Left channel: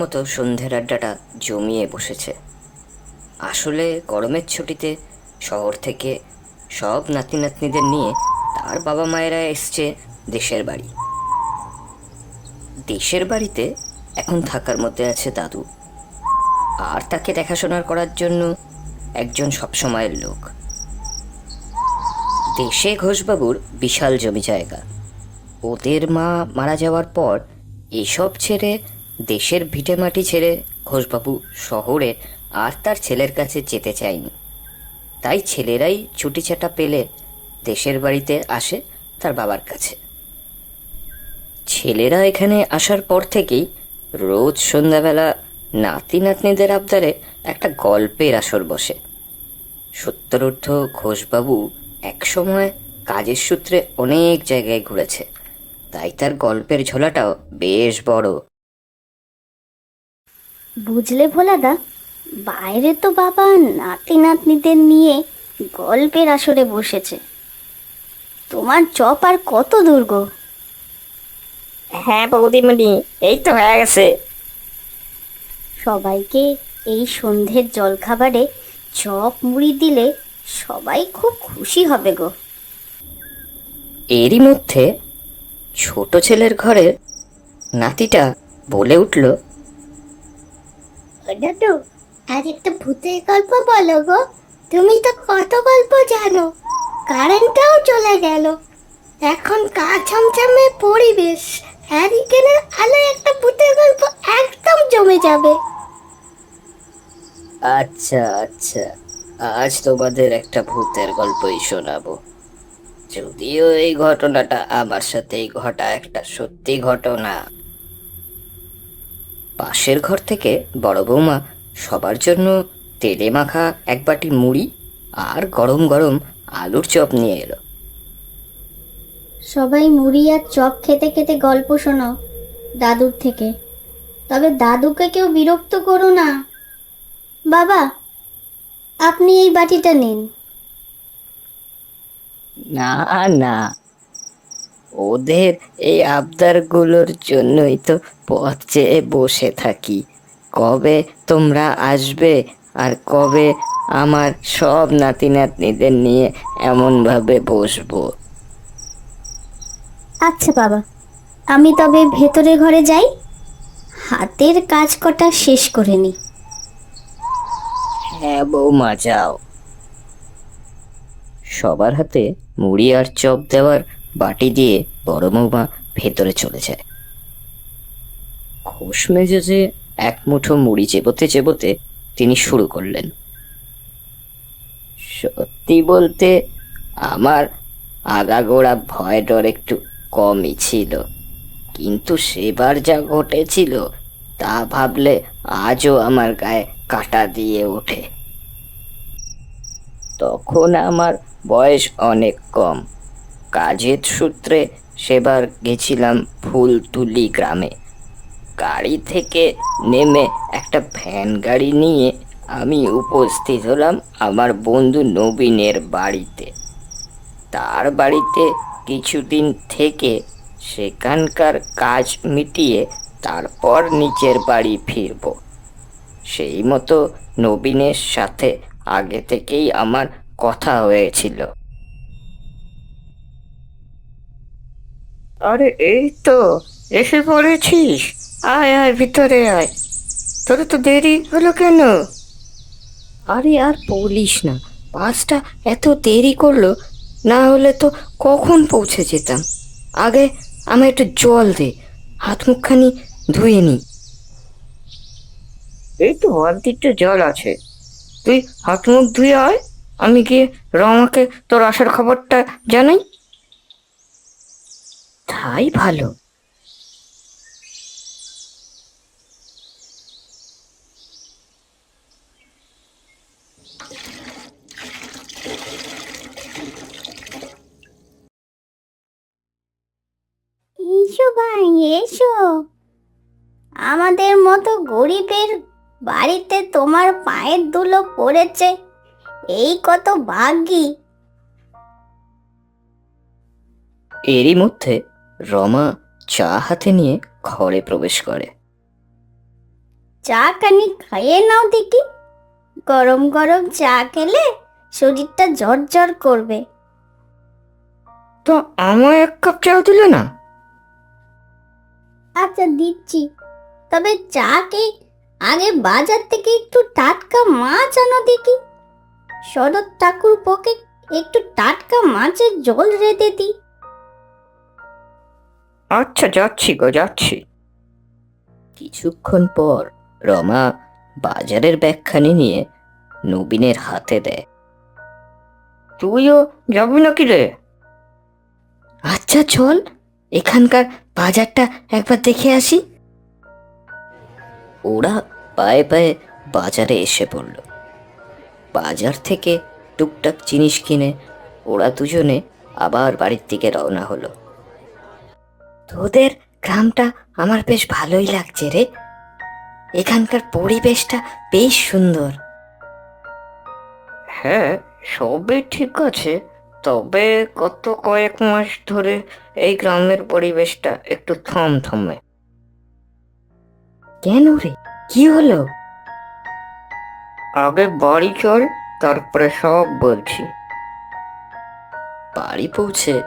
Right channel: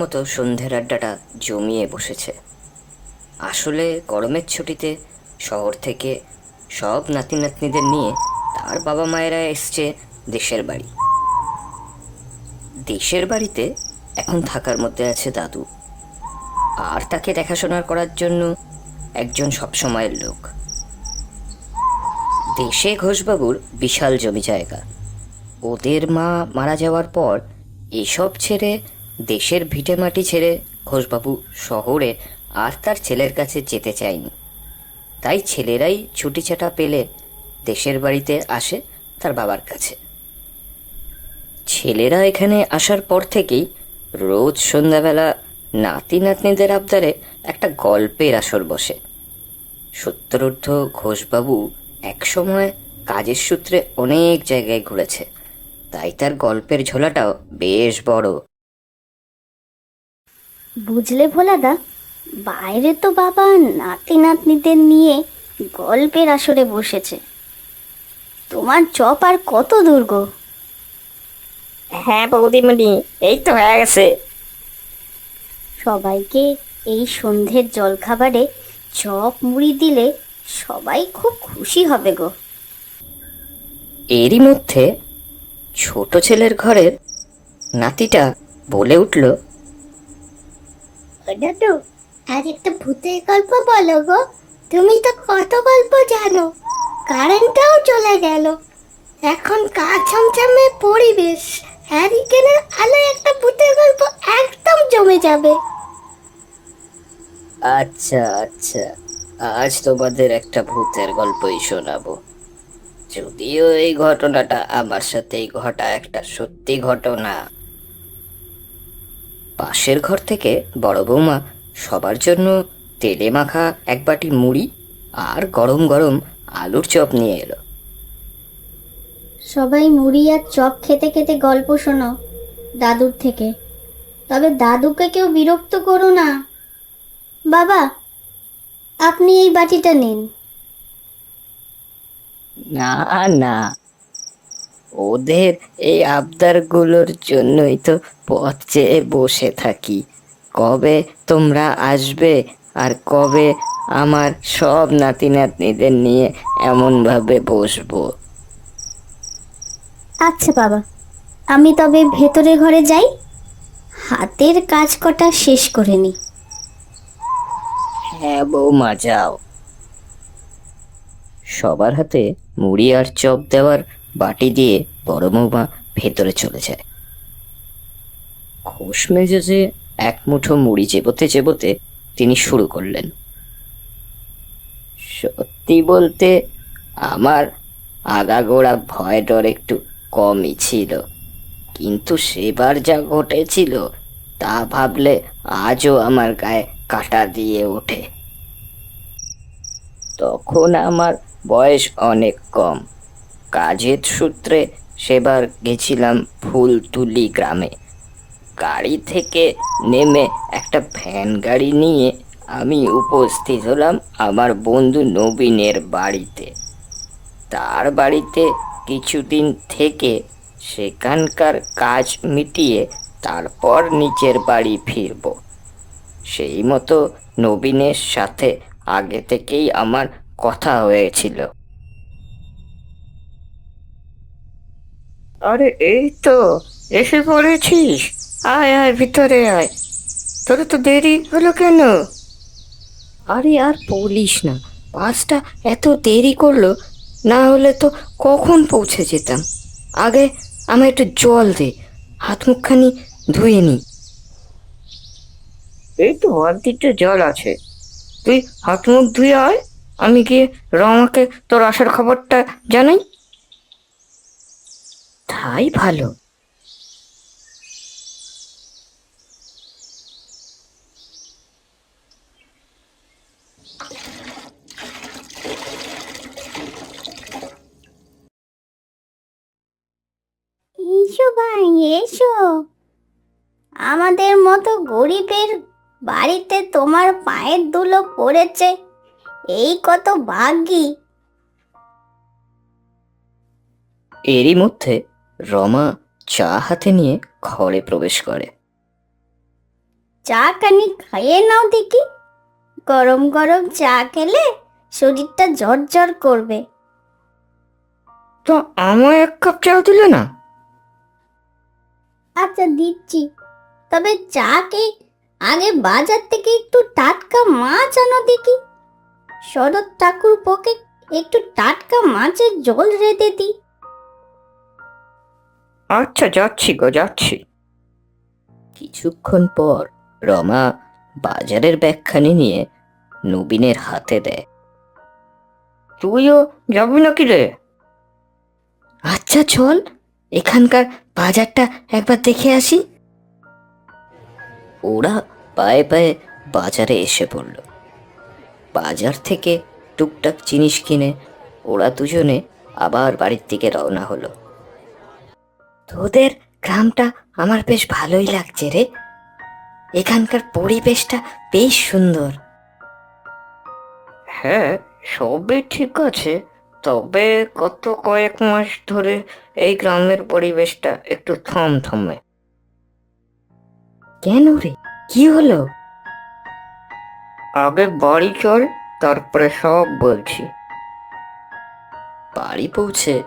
মতো সন্ধ্যের আড্ডাটা জমিয়ে বসেছে। আসলে গরমের ছুটিতে শহর থেকে সব নাতি নাতনিদের নিয়ে তার বাবা মায়েরা এসছে দেশের বাড়ি। দেশের বাড়িতে এখন থাকার মধ্যে আছে দাদু। আর তাকে দেখাশোনা করার জন্য একজন সবসময়ের লোক। দেশে ঘোষবাবুর বিশাল জমি জায়গা। ওদের মা মারা যাওয়ার পর এসব ছেড়ে দেশের ভিটে মাটি ছেড়ে ঘোষবাবু শহরে আর তার ছেলের কাছে যেতে চায়নি। তাই ছেলেরাই ছুটি ছাটা পেলে দেশের বাড়িতে আসে তার বাবার কাছে। ছেলেরা এখানে আসার পর থেকেই রোজ সন্ধ্যাবেলা নাতি নাতনিদের আবদারে একটা গল্পের আসর বসে। সত্তরর্থ ঘোষবাবু একসময় কাজের সূত্রে অনেক জায়গায় ঘুরেছে। তাই তার গল্পের ঝোলাটাও বেশ বড়। বুঝলে ভোলাদা? বাইরে তো বাবা নাতি নাতনিদের নিয়ে গল্পের আসরে বসেছে। তোমার চপ আর কত দূর গো? হ্যাঁ বৌদিমণি এই তো হয়ে গেছে। সবাইকে এই সন্ধ্যের জলখাবারে চপ মুড়ি দিলে সবাই খুব খুশি হবে গো। এরই মধ্যে ছোট ছেলের ঘরে নাতিটা বলে উঠল তো? আর একটা ভূতের গল্প বলো গো। তুমি তো কত গল্প জানো। কারেন্টটাও চলে গেল। এখন কাজ ছমছমে পরিবেশ? হ্যারিকেনের আলো একটা ভূতের গল্প একদম জমে যাবে। আচ্ছা আচ্ছা। আজ তোমাদের একটা ভূতের গল্পই শোনাবো। যদিও এই ঘটনাটা আমার সাথেই ঘটা একটা সত্যি ঘটনা। পাশের ঘর থেকে বড় বৌমা সবার জন্য তেলে মাখা এক বাটি মুড়ি আর গরম গরম আলুর চপ নিয়ে এলো। সবাই মুড়ি আর চপ খেতে খেতে গল্প শোনাও দাদুর থেকে। তবে দাদুকে কেউ বিরক্ত করো না। বাবা আপনি এই বাটিটা নিন। না না ওদের এই আবদারগুলোর জন্যই তো পথ চেয়ে বসে থাকি। কবে তোমরা আসবে আর কবে আমার সব নাতি নাতনিদের নিয়ে এমন ভাবে বসবো? আচ্ছা বাবা আমি তবে ভেতরে ঘরে যাই। হাতের কাজ কটা শেষ করে নি। হ্যাঁ বৌমা যাও। সবার হাতে মুড়ি আর চপ দেওয়ার বাটি দিয়ে বড় বৌমা ভেতরে চলে যায় ঘুষ মেজাজে এক মুঠো মুড়ি চেবোতে চেবোতে তিনি শুরু করলেন। সত্যি বলতে আমার আগাগোড়া ভয় ডর একটু কমই ছিল কিন্তু সেবার যা ঘটেছিল, তা ভাবলে আজও আমার গায়ে কাটা দিয়ে ওঠে। তখন আমার বয়স অনেক কম। কাজের সূত্রে সেবার গেছিলাম ফুলতুলি গ্রামে। গাড়ি থেকে নেমে একটা ভ্যান গাড়ি নিয়ে আমি উপস্থিত হলাম আমার বন্ধু নবীনের বাড়িতে। তার বাড়িতে কিছুদিন থেকে সেখানকার কাজ মিটিয়ে তারপর নিচের বাড়ি ফিরব। সেই মতো নবীনের সাথে আগে থেকেই আমার কথা হয়েছিল। আরে, এই তো, এসে পড়েছিস? আয় আয়, ভিতরে আয়। তোর তো দেরি হলো কেন? আরে, আর বলিস না, বাসটা এত দেরি করল, না হলে তো কখন পৌঁছে যেতাম? আগে আমার একটু জল দে, হাত মুখখানি ধুয়ে নি। এই তো একটু জল আছে। তুই হাত মুখ ধুয়ে আয়, আমি গিয়ে রমাকে তোর আসার খবরটা জানাই। তাই ভালো। এসো ভাই এসো। আমাদের মতো গরিবের বাড়িতে তোমার পায়ের ধুলো পড়েছে এই কত ভাগ্যি। এরই মধ্যে রমা চা হাতে নিয়ে ঘরে প্রবেশ করে। চা খানি খাইয়ে নাও দেখি। গরম গরম চা খেলে শরীরটা ঝরঝর করবে। তো আমার এক কাপ চাও দিলে না? আচ্ছা দিচ্ছি। তবে চা কি আগে বাজার থেকে একটু টাটকা মাছ আনো দেখি? শরৎ ঠাকুর পকে একটু টাটকা মাছের জল রেঁধে দিই। আচ্ছা যাচ্ছি গো যাচ্ছি। কিছুক্ষণ পর রমা বাজারের ব্যাগখানি নিয়ে নবীনের হাতে দেয়। তুইও যাবি নাকি রে? আচ্ছা চল এখানকার বাজারটা একবার দেখে আসি। ওরা পায়ে পায়ে বাজারে এসে পড়ল। বাজার থেকে টুকটাক জিনিস কিনে ওরা দুজনে আবার বাড়ির দিকে রওনা হলো। তোদের গ্রামটা আমার বেশ ভালোই লাগছে রে। এখানকার পরিবেশটা বেশ সুন্দর। হ্যাঁ সবই ঠিক আছে। তবে গত কয়েক মাস ধরে এই গ্রামের পরিবেশটা একটু থমথমে। কেন রে? কি হলো? আগে বাড়ি চল তারপরে সব বলছি। বাড়ি পৌঁছে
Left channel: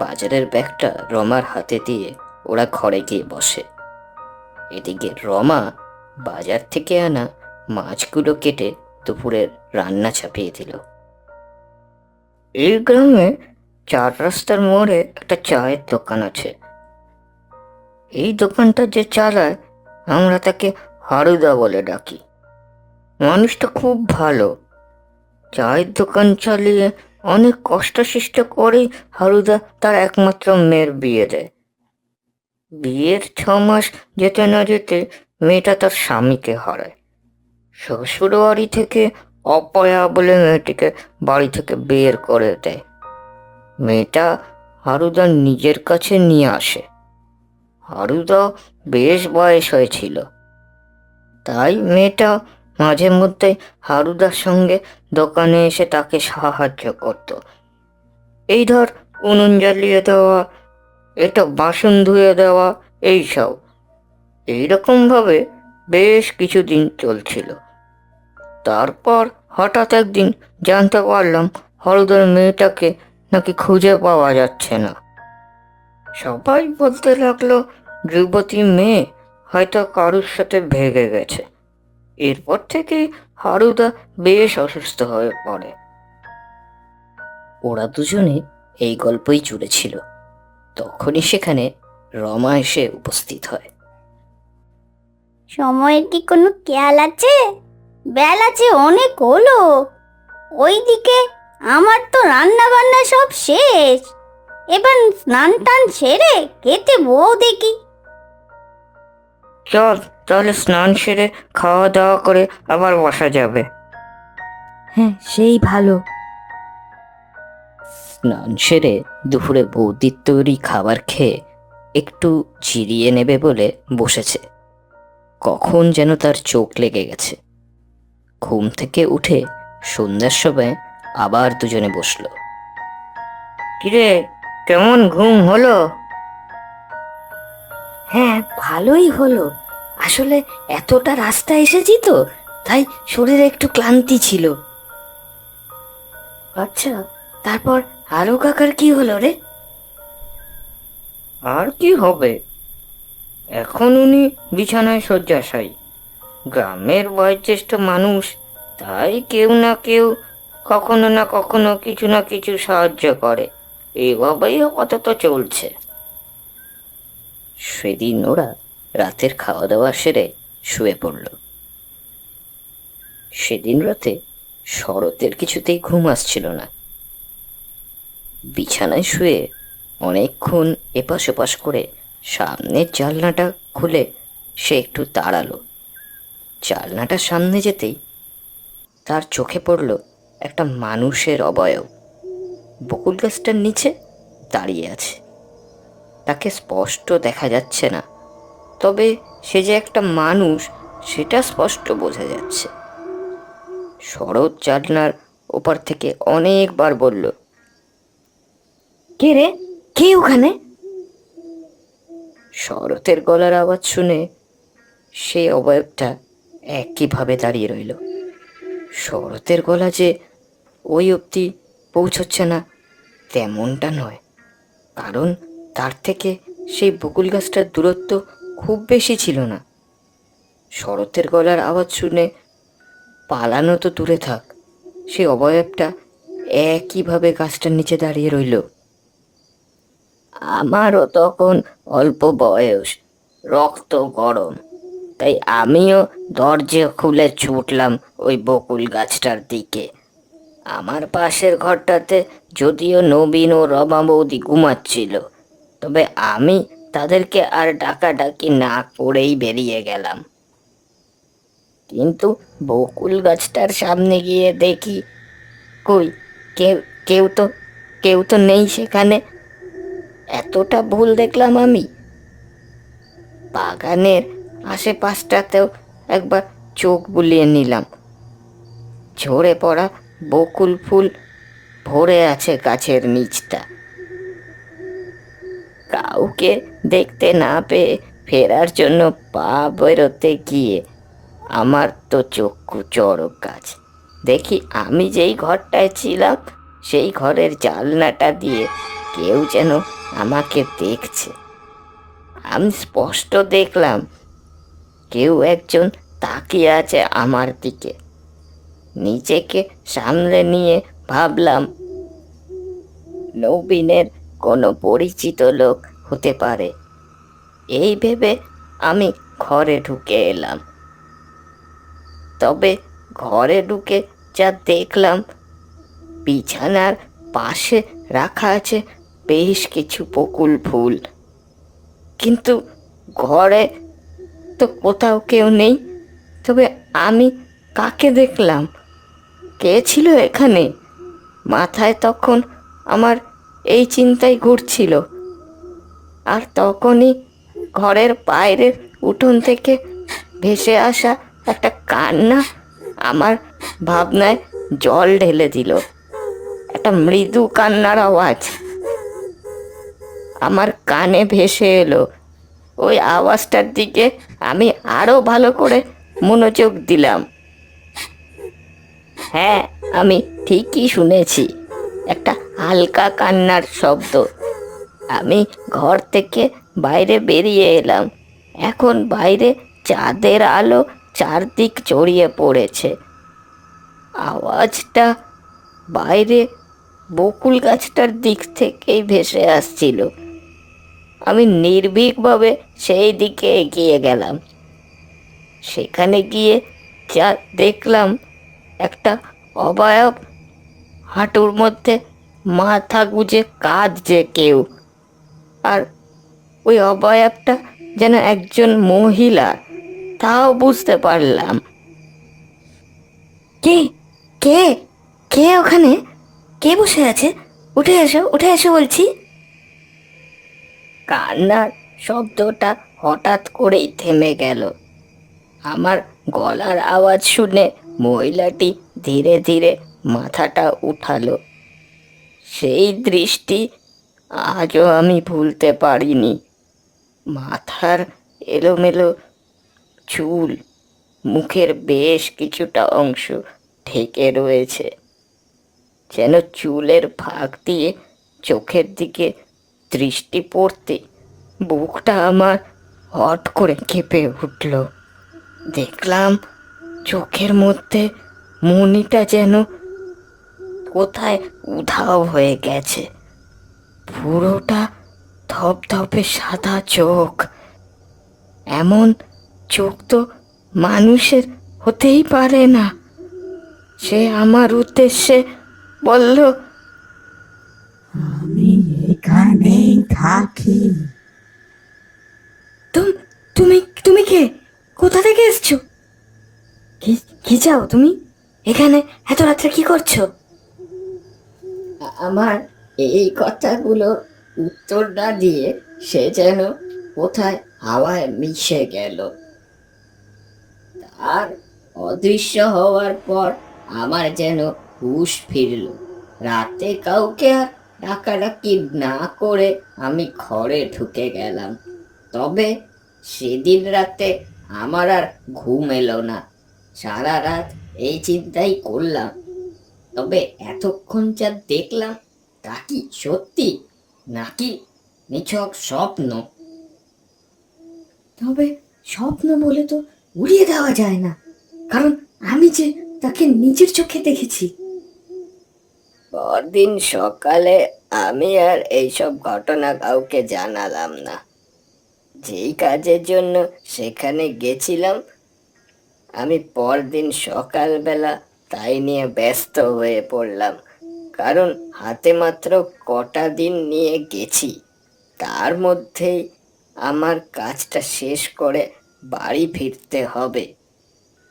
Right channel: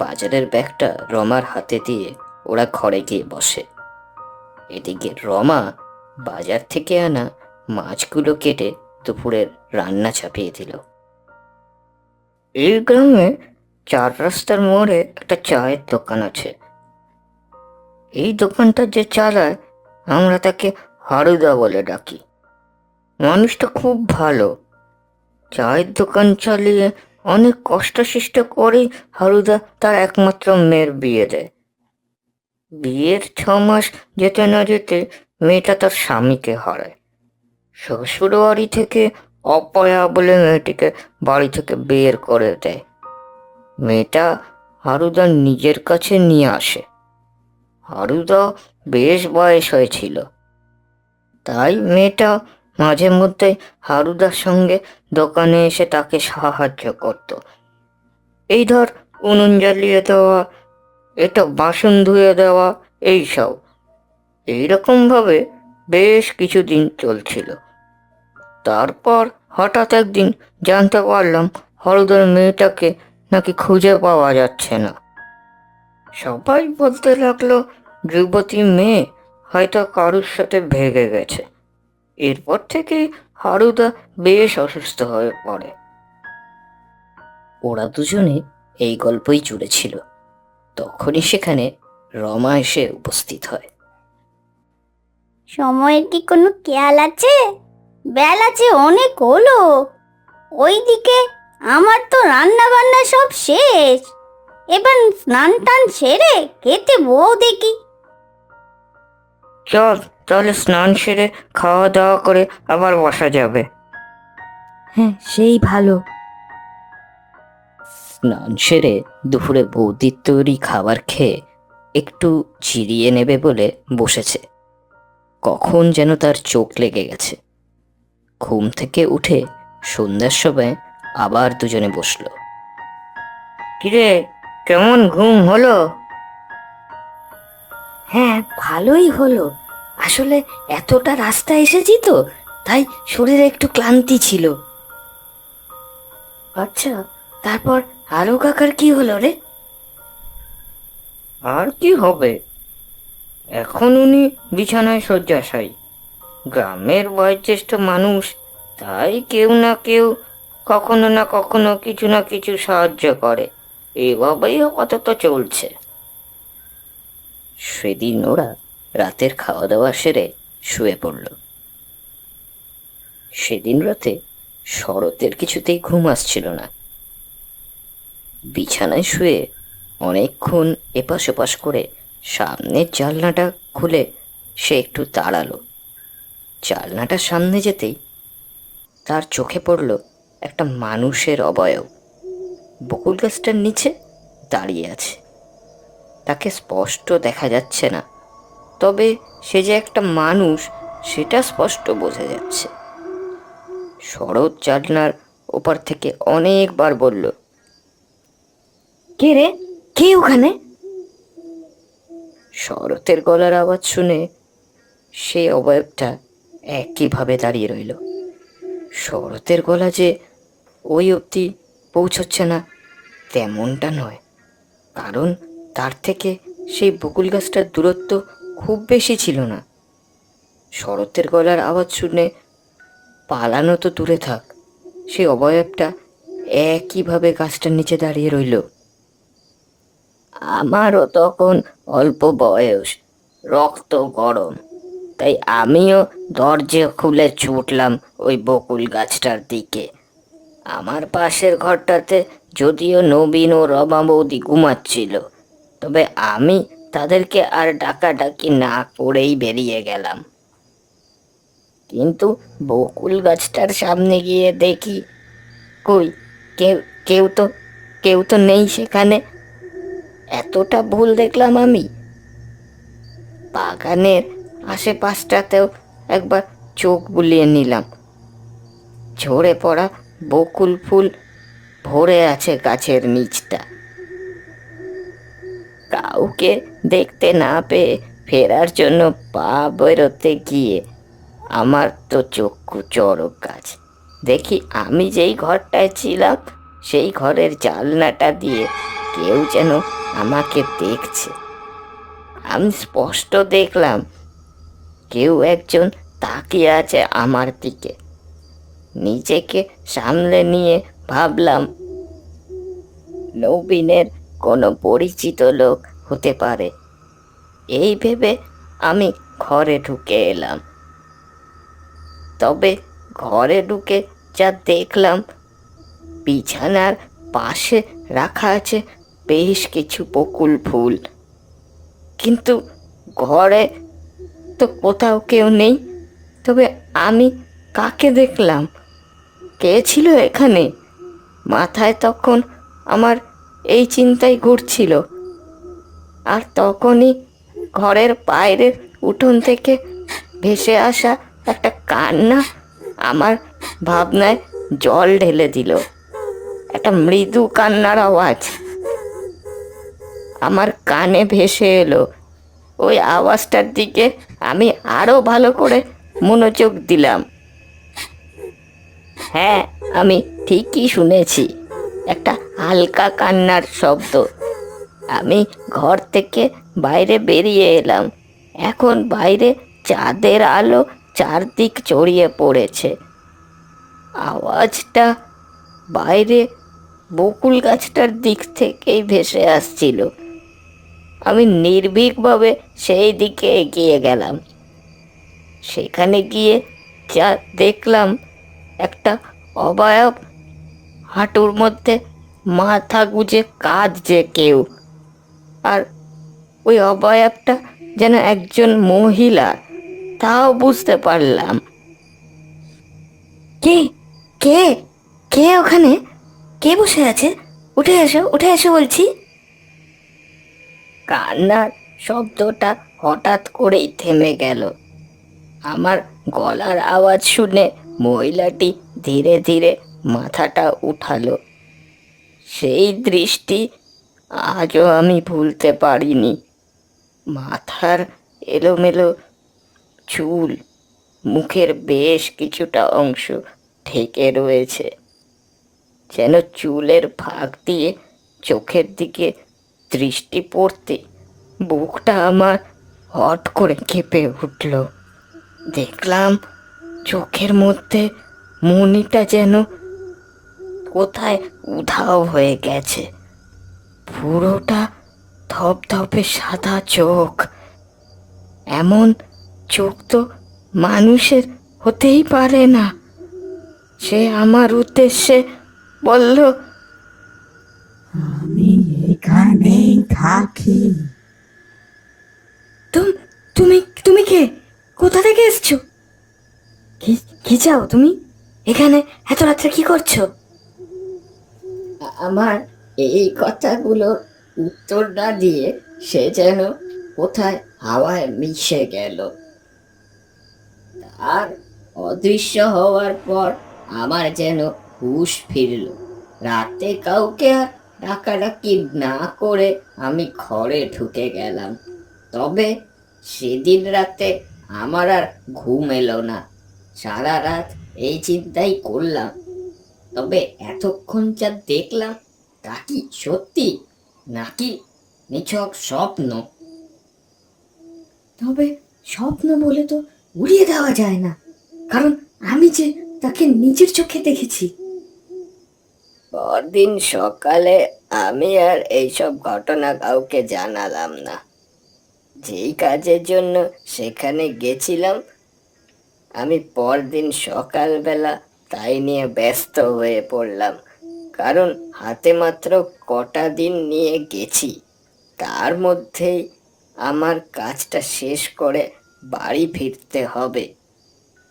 বাজারের ব্যাগটা রমার হাতে দিয়ে ওরা ঘরে গিয়ে বসে। এদিকে রমা বাজার থেকে আনা মাছগুলো কেটে দুপুরের রান্না চাপিয়ে দিল। এই গ্রামে চার রাস্তার মোড়ে একটা চায়ের দোকান আছে। এই দোকানটা যে চালায়, আমরা তাকে হারুদা বলে ডাকি। মানুষটা খুব ভালো। চায়ের দোকান চালিয়ে অনেক কষ্ট সৃষ্ট করে হারুদা তার একমাত্র মেয়ের বিয়ে দেয়। বিয়ের ছ মাস যেতে না যেতে মেয়েটা তার স্বামীকে হারায়। শ্বশুর বাড়ি থেকে অপয়া বলে মেয়েটিকে বাড়ি থেকে বের করে দেয়। মেয়েটা হারুদা নিজের কাছে নিয়ে আসে। হারুদা বেশ বয়স হয়েছিল। তাই মেয়েটা মাঝে মধ্যে হারুদার সঙ্গে দোকানে এসে তাকে সাহায্য করত। এই ধর উনুন জ্বালিয়ে দেওয়া, এটা বাসন ধুয়ে দেওয়া এইসব এইরকম ভাবে বেশ কিছুদিন চলছিল। তারপর হঠাৎ একদিন জানতে পারলাম হরিদের মেয়েটাকে নাকি খুঁজে পাওয়া যাচ্ছে না। সবাই বলতে লাগল, যুবতী মেয়ে হয়তো কারোর সাথে ভেগে গেছে। এরপর থেকে হারুদা বেশ অসুস্থ হয়ে পড়ে। ওরা দুজনে এই গল্পই জুড়েছিল। তখনই সেখানে রমা এসে উপস্থিত হয়। সময়ের কি কোনো খেয়াল আছে? বেলা যে অনেক হলো। ওইদিকে আমার তো রান্না বান্না সব শেষ। এবার স্নান টান সেরে খেতে বউ দেখি। চল তাহলে স্নান সেরে খাওয়া দাওয়া করে আবার বসা যাবে। হ্যাঁ সেই ভালো। স্নান সেরে দুপুরে বৌদির তৈরি খাবার খেয়ে একটু জিরিয়ে নেবে বলে বসেছে। কখন যেন তার চোখ লেগে গেছে। ঘুম থেকে উঠে সন্ধ্যার সময় আবার দুজনে বসল। কিরে কেমন ঘুম হলো? হ্যাঁ ভালোই হলো। আসলে এতটা রাস্তা এসেছি তো তাই শরীরে একটু ক্লান্তি ছিল। আচ্ছা তারপর আরও কাকার কি হলো রে? আর কি হবে? এখন উনি বিছানায় শয্যাশায়ী। গ্রামের বয়োজ্যেষ্ঠ মানুষ তাই কেউ না কেউ কখনো না কখনো কিছু না কিছু সাহায্য করে। এভাবেই আপাতত চলছে। সেদিন ওরা রাতের খাওয়া দাওয়া সেরে শুয়ে পড়ল। সেদিন রাতে শরতের কিছুতেই ঘুম আসছিল না। বিছানায় শুয়ে অনেকক্ষণ এপাশ ওপাশ করে সামনের জানলাটা খুলে সে একটু দাঁড়াল। জানলাটার সামনে যেতেই তার চোখে পড়ল একটা মানুষের অবয়ব। বকুল গাছটার নিচে দাঁড়িয়ে আছে। তাকে স্পষ্ট দেখা যাচ্ছে না। তবে সে যে একটা মানুষ, সেটা স্পষ্ট বোঝা যাচ্ছে। শরৎ জানলার ওপার থেকে অনেকবার বলল, কে রে? কে ওখানে? শরতের গলার আওয়াজ শুনে সে অবয়বটা একইভাবে দাঁড়িয়ে রইল। শরতের গলা যে ওই অবধি পৌঁছচ্ছে না, তেমনটা নয়। কারণ তার থেকে সেই বকুল গাছটার দূরত্ব খুব বেশি ছিল না। শরতের গলার আওয়াজ শুনে পালানো তো দূরে থাক। সেই অবয়বটা একইভাবে গাছটার নিচে দাঁড়িয়ে রইল। আমারও তখন অল্প বয়স, রক্ত গরম, তাই আমিও দরজা খুলে ছুটলাম ওই বকুল গাছটার দিকে। আমার পাশের ঘরটাতে যদিও নবীন ও রমা বৌদি ঘুমাচ্ছিল, তবে আমি তাদেরকে আর ডাকাডাকি না করেই বেরিয়ে গেলাম। কিন্তু বকুল গাছটার সামনে গিয়ে দেখি, কই, কেউ কেউ তো কেউ তো নেই সেখানে। এতটা ভুল দেখলাম আমি। বাগানের আশেপাশটাতেও একবার চোখ বুলিয়ে নিলাম। ঝরে পড়া বকুল ফুল ভরে আছে গাছের নিচটা। কাউকে দেখতে না পেয়ে ফেরার জন্য পা বেরোতে গিয়ে আমার তো চক্ষু চড়ক কাজ। দেখি আমি যেই ঘরটায় ছিলাম, সেই ঘরের জানলাটা দিয়ে কেউ যেন আমাকে দেখছে। আমি স্পষ্ট দেখলাম, কেউ একজন তাকিয়ে আছে আমার দিকে। নিজেকে সামলে নিয়ে ভাবলাম, নবীনের কোনো পরিচিত লোক হতে পারে। এই ভেবে আমি ঘরে ঢুকে এলাম। তবে ঘরে ঢুকে যা দেখলাম, বিছানার পাশে রাখা আছে বেশ কিছু বকুল ফুল। কিন্তু ঘরে তো কোথাও কেউ নেই। তবে আমি কাকে দেখলাম? কে ছিল এখানে? মাথায় তখন আমার এই চিন্তাই ঘুরছিল। আর তখনই ঘরের বাইরের উঠোন থেকে ভেসে আসা একটা কান্না আমার ভাবনায় জল ঢেলে দিল। একটা মৃদু কান্নার আওয়াজ আমার কানে ভেসে এলো। ওই আওয়াজটার দিকে আমি আরও ভালো করে মনোযোগ দিলাম। হ্যাঁ আমি ঠিকই শুনেছি। একটা হালকা কান্নার শব্দ। আমি ঘর থেকে বাইরে বেরিয়ে এলাম। এখন বাইরে চাঁদের আলো চারদিক ছড়িয়ে পড়েছে। আওয়াজটা বাইরে বকুল গাছটার দিক থেকেই ভেসে আসছিল। আমি নির্ভীকভাবে সেই দিকে এগিয়ে গেলাম। সেখানে গিয়ে যা দেখলাম, একটা অবায়ব হাঁটুর মধ্যে মাথা গুজে কাঁদছে কেউ। আর ওই অবয়বটা যেন একজন মহিলা, তাও বুঝতে পারলাম। কি? কে? কে ওখানে? কে বসে আছে? উঠে এসো উঠে এসো বলছি। কান্নার শব্দটা হঠাৎ করেই থেমে গেল। আমার গলার আওয়াজ শুনে মহিলাটি ধীরে ধীরে মাথাটা উঠালো। সেই দৃষ্টি আজও আমি ভুলতে পারিনি। মাথার এলোমেলো চুল, মুখের বেশ কিছুটা অংশ ঢেকে রয়েছে। যেন চুলের ফাঁক দিয়ে চোখের দিকে দৃষ্টি পড়তে বুকটা আমার হট করে কেঁপে উঠল। দেখলাম চোখের মধ্যে মনিটা যেন কোথায় উধাও হয়ে গেছে। পুরোটা ধপধপে সাদা চোখ। এমন চোখ তো মানুষের হতেই পারে না। সে আমার উদ্দেশ্যে বলল এখানেই থাকি। তুমি তুমি তুমি কে? কোথা থেকে এসছো? কি চাও তুমি? এখানে এত রাত্রে কি করছ? আমার এই কথাগুলো উত্তর না দিয়ে সে যেন কোথায় হাওয়ায় মিশে গেল। আর অদৃশ্য হওয়ার পর আবার যেন হুশ ফিরল। রাতে কাউকে আর ডাকাডাকি না করে আমি ঘরে ঢুকে গেলাম। তবে সেদিন রাতে আমার আর ঘুম এলো না। সারা রাত এই চিন্তাই করলাম। তবে এতক্ষণ যা দেখলাম তা কি সত্যি নাকি নিছক স্বপ্ন? তবে স্বপ্ন বলে তো উড়িয়ে দেওয়া যায় না। কারণ আমি যে তাকে নিজের চোখে দেখেছি। পরদিন সকালে আমি আর এইসব ঘটনা কাউকে জানালাম না। যে কাজের জন্য সেখানে গেছিলাম আমি পরদিন সকালবেলা তাই নিয়ে ব্যস্ত হয়ে পড়লাম। কারণ হাতে মাত্র কটা দিন নিয়ে গেছি। তার মধ্যে আমার কাজটা শেষ করে বাড়ি ফিরতে হবে।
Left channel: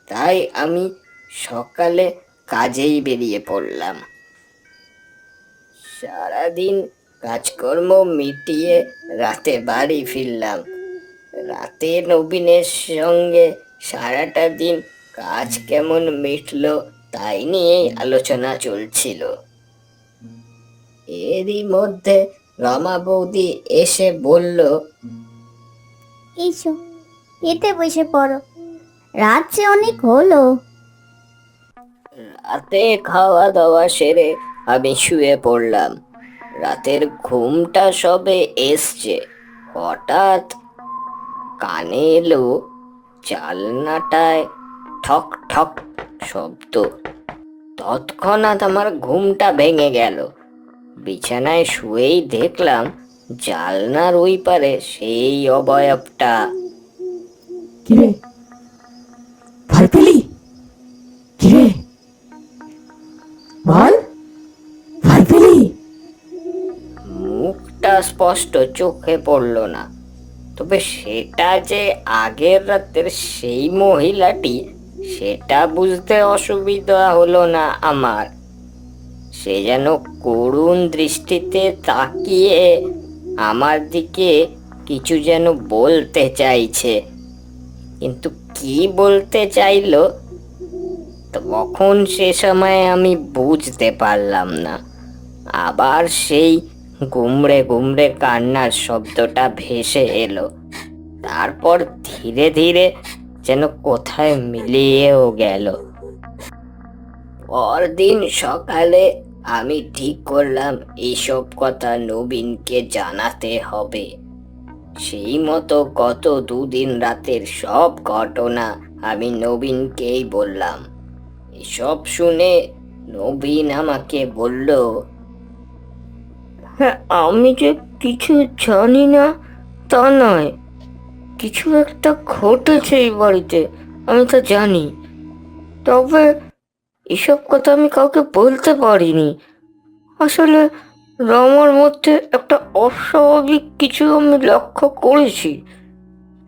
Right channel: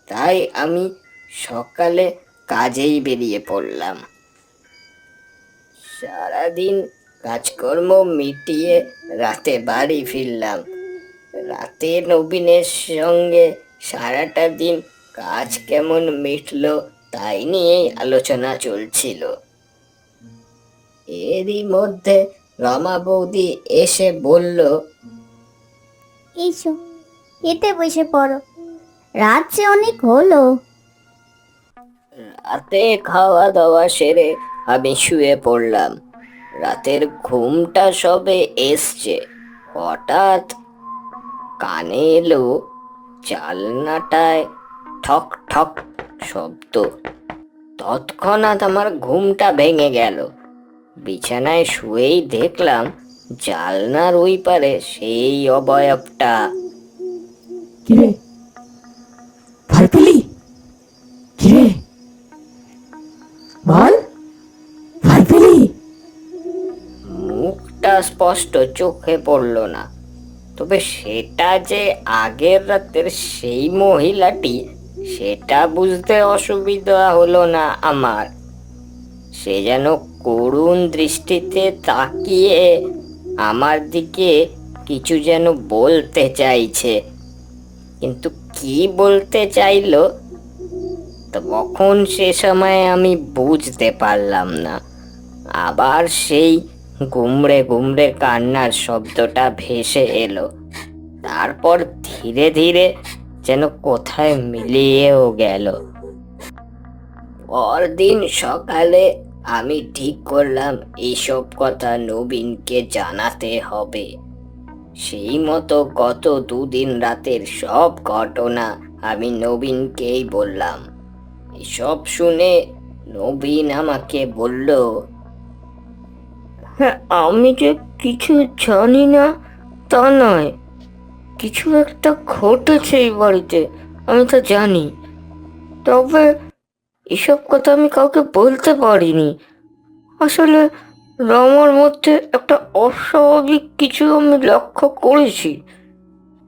তাই আমি সকালে কাজেই বেরিয়ে পড়লাম। সারাদিন কাজকর্ম মিটিয়ে রাতে বাড়ি ফিরলাম। রাতে নবীনের সঙ্গে সারাটা দিন কাজ কেমন মিটলো তাই নিয়েই আলোচনা চলছিল। এরই মধ্যে রমা বৌদি এসে বলল এসো এতে বসে পড়ো। রাত যে অনেক হলো। রাতে খাওয়া দাওয়া সেরে আমি শুয়ে পড়লাম। রাতের ঘুমটা সবে এসছে। হঠাৎ কানে এলো জালনাটায় ঠক ঠক শব্দ। তৎক্ষণাৎ আমার ঘুমটা ভেঙে গেল। বিছানায় শুয়েই দেখলাম জালনার ওই পারে সেই অবয়বটা। কিরে? ভরপুলি কিরে? বল। ভরপুলি মুখটা স্পষ্ট চোখে পড়ল না। তবে সেটা যে আগের রাতের সেই মহিলাটি সেটা বুঝতে অসুবিধা হলো না আমার। সে যেন করুণ দৃষ্টিতে তাকিয়ে আমার দিকে কিছু যেন বলতে চাইছে। কিন্তু কি বলতে চাইলো? তখন সে সময় আমি বুঝতে পারলাম না। আবার সেই গুমড়ে গুমড়ে কান্নার শব্দটা ভেসে এলো। তারপর ধীরে ধীরে যেন কোথায় মিলিয়েও গেল। পরদিন সকালে আমি ঠিক করলাম এইসব কথা নবীনকে জানাতে হবে। সেই মতো গত দুদিন রাতের সব ঘটনা আমি নবীনকেই বললাম। এসব শুনে নবীন আমাকে বলল হ্যাঁ, আমি যে কিছু জানি না তা নয়। কিছু একটা ঘটেছে এই বাড়িতে, আমি তো জানি। তবে এসব কথা আমি কাউকে বলতে পারিনি। আসলে রমার মধ্যে একটা অস্বাভাবিক কিছু আমি লক্ষ্য করেছি।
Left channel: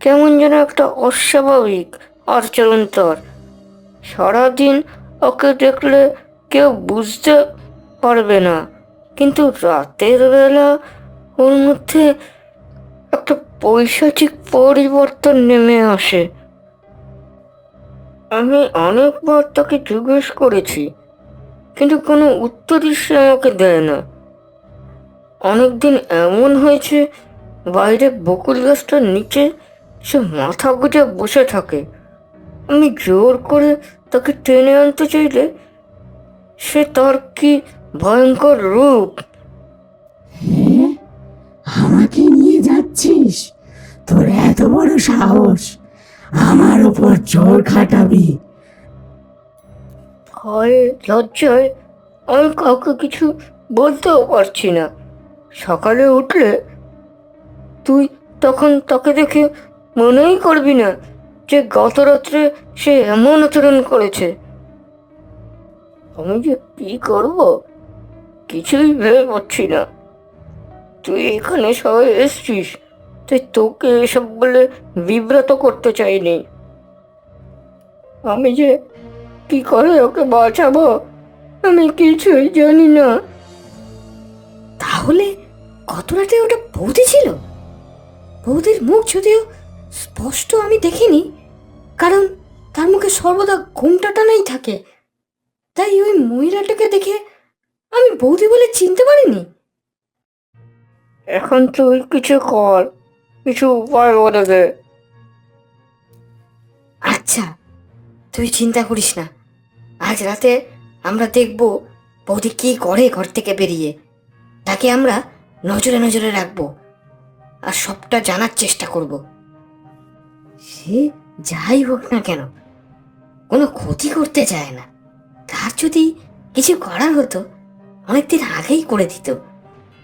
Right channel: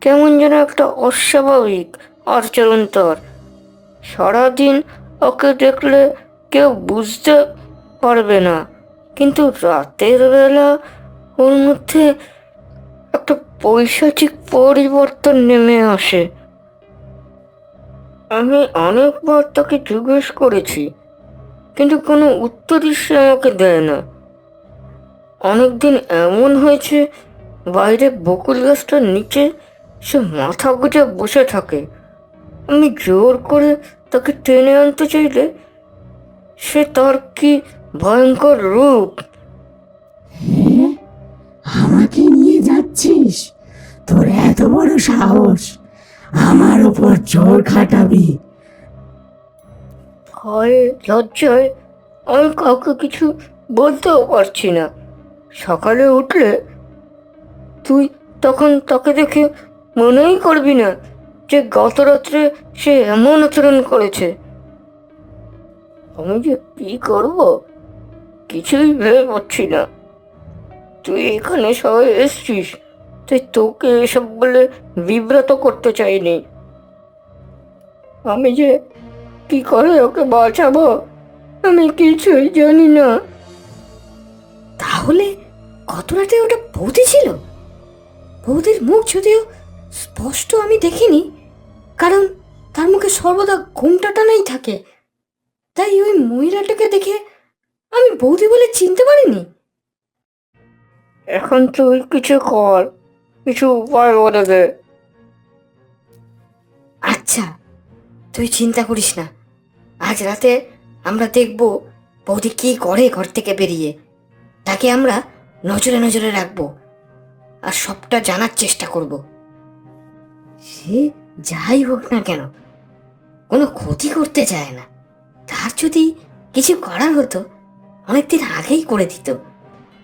কেমন যেন একটা অস্বাভাবিক আচরণ তোর সারাদিন ওকে দেখলে কেউ বুঝতে পারবে না, কিন্তু রাতের বেলা ওর মধ্যে একটা পৈশাচিক পরিবর্তন নেমে আসে। আমি অনেকবার তাকে জিজ্ঞেস করেছি, কিন্তু কোনো উত্তরই সে আমাকে দেয় না। অনেকদিন এমন হয়েছে, বাইরে বকুল গাছটার নিচে সে মাথা গুজে বসে থাকে। আমি জোর করে তাকে টেনে আনতে চাইলে সে তার কি ভয়ঙ্কর রূপ? আমাকে নিয়ে এত বড় সাহস। আমার উপর জোর খাটাবি। আমি কাউকে কিছু বলতেও পারছি না। সকালে উঠলে তুই তখন তাকে দেখে মনেই করবি না যে গত রাত্রে সে এমন আচরণ করেছে। আমি যে কি করব কিছুই ভেবে পাচ্ছি না। তুই এখানে সবাই এসছিস। তুই তোকে এসব বলে বিব্রত করতে চাইনি। আমি যে কি করে ওকে বাঁচাবো, আমি কিছুই জানি না। তাহলে গত রাতে ওটা বৌদি ছিল? বৌদির মুখ যদিও স্পষ্ট আমি দেখিনি, কারণ তার মুখে সর্বদা ঘুমটা টানাই থাকে। তাই ওই মহিলাটাকে দেখে আমি বৌদি বলে চিনতে পারিনি। এখন তুই কিছু কর। কিছু বলে দে আচ্ছা তুই চিন্তা করিস না। আজ রাতে আমরা দেখব বৌদি কি করে ঘর থেকে বেরিয়ে। তাকে আমরা নজরে নজরে রাখব আর সবটা জানার চেষ্টা করব। সে যাই হোক না কেন, কোনো ক্ষতি করতে চায় না। তার যদি কিছু করার হতো, অনেকদিন আগেই করে দিত।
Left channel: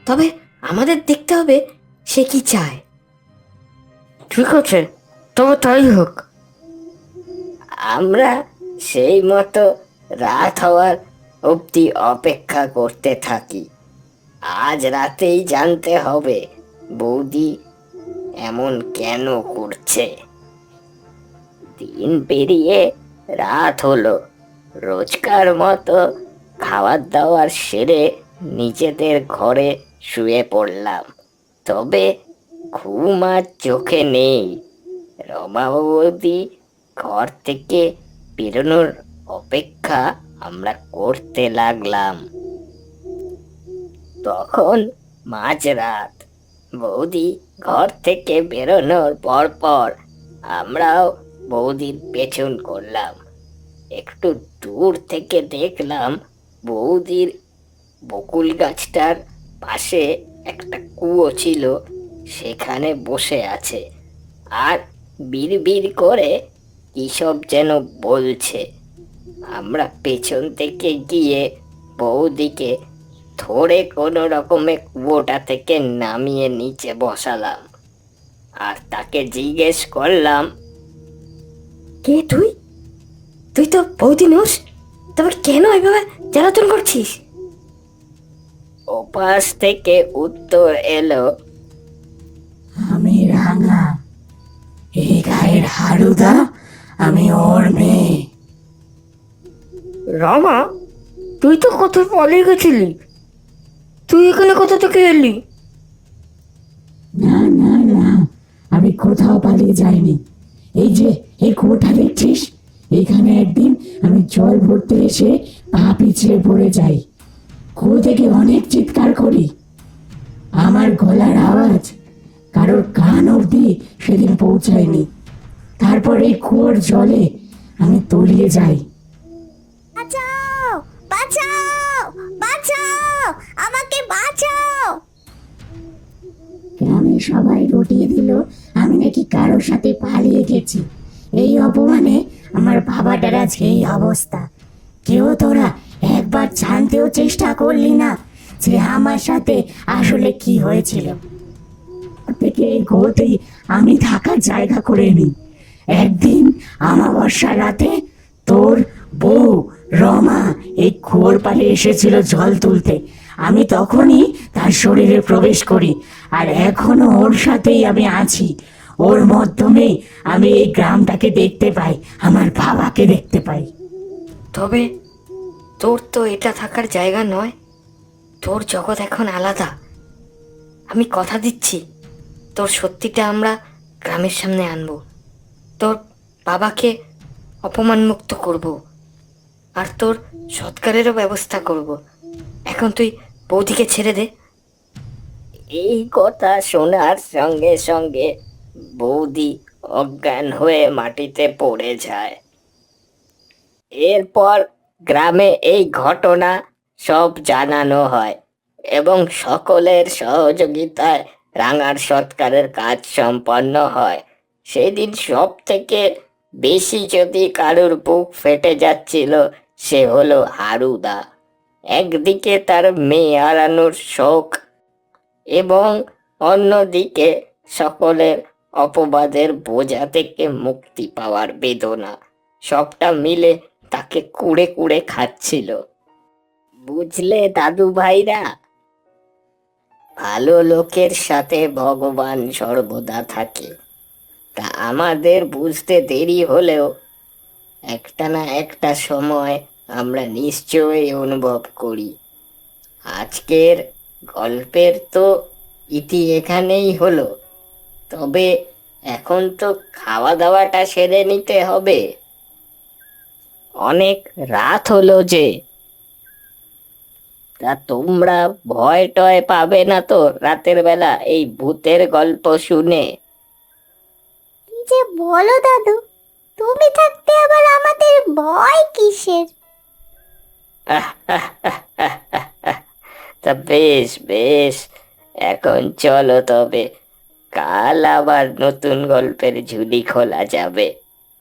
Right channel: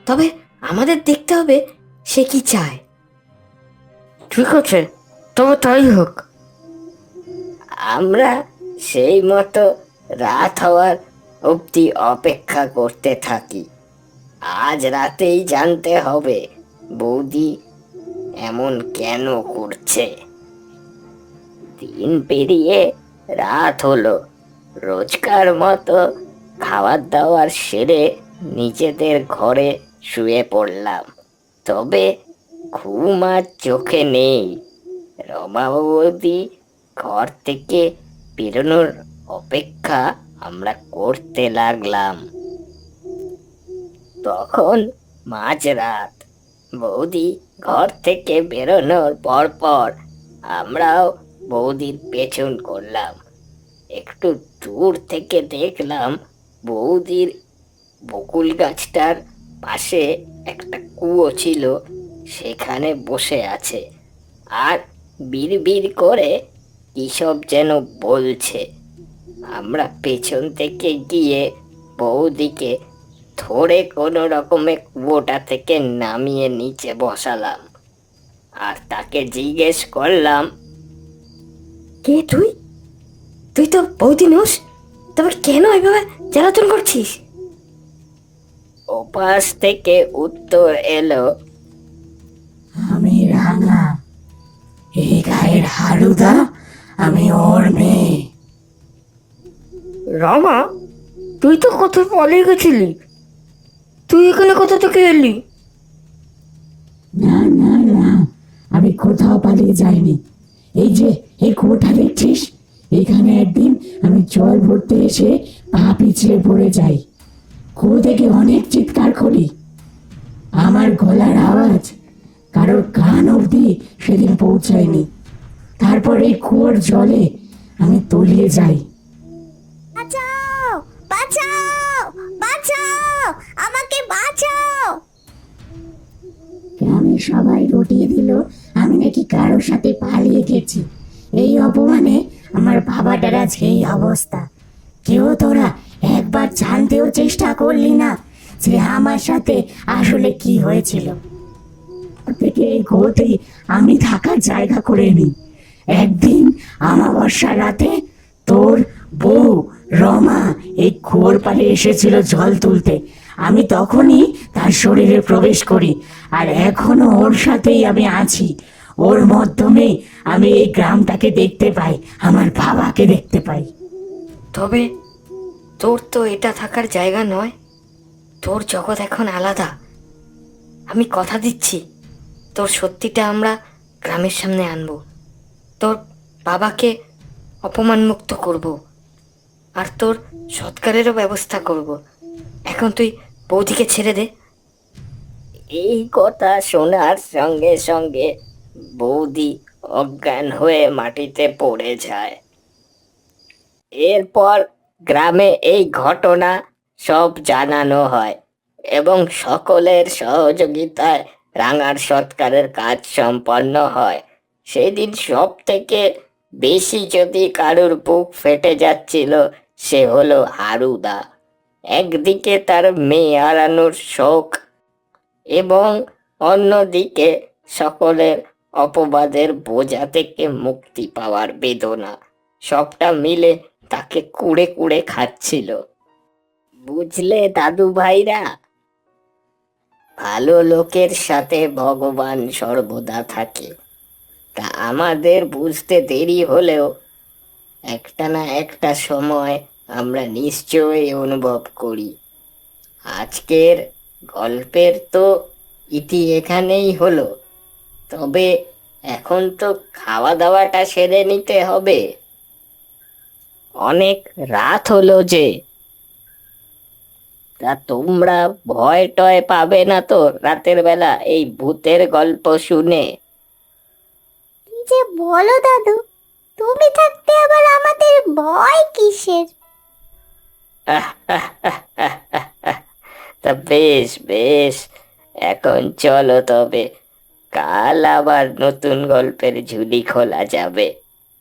তবে আমাদের দেখতে হবে সে কি চায়। ঠিক আছে তবে তাই হোক। আমরা সেই মতো রাত হওয়ার অবধি অপেক্ষা করতে থাকি। আজ রাতেই জানতে হবে, বৌদি এমন কেন করছে। দিন পেরিয়ে রাত হলো। রোজকার মতো খাওয়ার দাওয়ার সেরে নিজেদের ঘরে শুয়ে পড়লাম। তবে ঘুম আর চোখে নেই। রমা বৌদি ঘর থেকে বেরোনোর অপেক্ষা আমরা করতে লাগলাম। তখন মাঝরাত বৌদি ঘর থেকে বেরোনোর পর পর আমরাও বৌদির পেছন করলাম। একটু দূর থেকে দেখলাম বৌদির বকুল গাছটার পাশে একটা কুয়ো ছিল। সেখানে বসে আছে আর বিড়বিড় করে এসব যেন বলছে। আমরা পেছন থেকে গিয়ে বৌদিকে ধরে কোনো রকমে কুয়োটা থেকে নামিয়ে নিচে বসালাম আর তাকে জিজ্ঞেস করলাম, কে তুই? তুই তো বৌদি নোস তবে কেন এভাবে জ্বালাতন করছিস? ওপাশ থেকে উত্তর এলো আমি রাঙা। এই গায়ের হারুদা আমি ওর মেয়ে। রমা তুই তো কত পরে গেছিলি। তুই এখানে কোথা থেকে এলি? না না না আমি কোথাও পালিয়ে যাইনি। এই যে এই কুয়োটা দেখছিস? এখানে একদিন আমি জল ভরতে এসে পা পিছলে পড়ে যাই। কুয়ো থেকে অনেক চিৎকার করি। আমার গলার আওয়াজ কারোর কান অব্দি সেদিন পৌঁছায়নি। তারপর এই কুয়োর জলে আমি তলিয়ে যাই। বাঁচাও! বাঁচাও! বাঁচাও! আমাকে বাঁচাও! গ্রামে সবাই রটিয়ে দিল আমি নাকি কারোর সাথে পালিয়ে গেছি। এই অপমানে আমার বাবাটার আজকে এই অবস্থা। কেউ তোরা একবার জানতেও চেষ্টা করলি না যে আমার সাথে আসলে কি হয়েছিল। থেকে কোর্টে আমি থাকার জায়গা করে নি একদিন আমাবস্যা রাতে তোর বউ রমা এই পালে এসেছিল জল তুলতে। আমি তখনই তার শরীরে প্রবেশ করি আর এখনও ওর সাথেই আমি আছি। ওর মাধ্যমে আমি এই গ্রামটাকে দেখতে পাই, আমার বাবাকে দেখতে পাই। তবে তোর তো এটা থাকার জায়গা নয়। তোর জগৎ এখন আলাদা। আমি কথা দিচ্ছি। তোর সত্যিটা আমরা গ্রামের সামনে আনব। তোর বাবাকে অপমান মুক্ত করব। আর তোর সৎকারেরও ব্যবস্থা করব। এখন তুই বৌদিকে ছেড়ে দে। এই কথা শোনার সঙ্গে সঙ্গে বৌদি অজ্ঞান হয়ে মাটিতে পড়ে যায়। এরপর গ্রামে এই ঘটনা সব জানানো হয় এবং সকলের সহযোগিতায় রাঙার সৎকারের কাজ সম্পন্ন হয়। সেদিন সব থেকে বেশি যদি কারোর বুক ফেটে যাচ্ছিল, সে হলো হারুদা একদিকে তার মেয়ে হারানোর শোক এবং অন্যদিকে সকলের অপবাদের বোঝা থেকে মুক্তি পাওয়ার বেদনা। সবটা মিলে তাকে কুড়ে কুড়ে খাচ্ছিল। বুঝলে দাদু ভাইরা ভালো লোকের সাথে ভগবান সর্বদা থাকে। তা আমাদের বুঝতে দেরি হলেও একটা না একটা সময় আমরা নিশ্চয়ই অনুভব করি। আজকের গল্পের তো ইতি এখানেই হলো। তবে এখন তো খাওয়া দাওয়াটা সেরে নিতে হবে। অনেক রাত হলো যে তা তোমরা ভয় টয় পাবে না তো রাতের বেলা এই ভূতের গল্প শুনে। যে বলো দাদু তুমি থাকতে আবার আমাদের ভয় কিসের? তা বেশ বেশ এখন চলো তবে। কাল আবার নতুন গল্পের ঝুলি খোলা যাবে।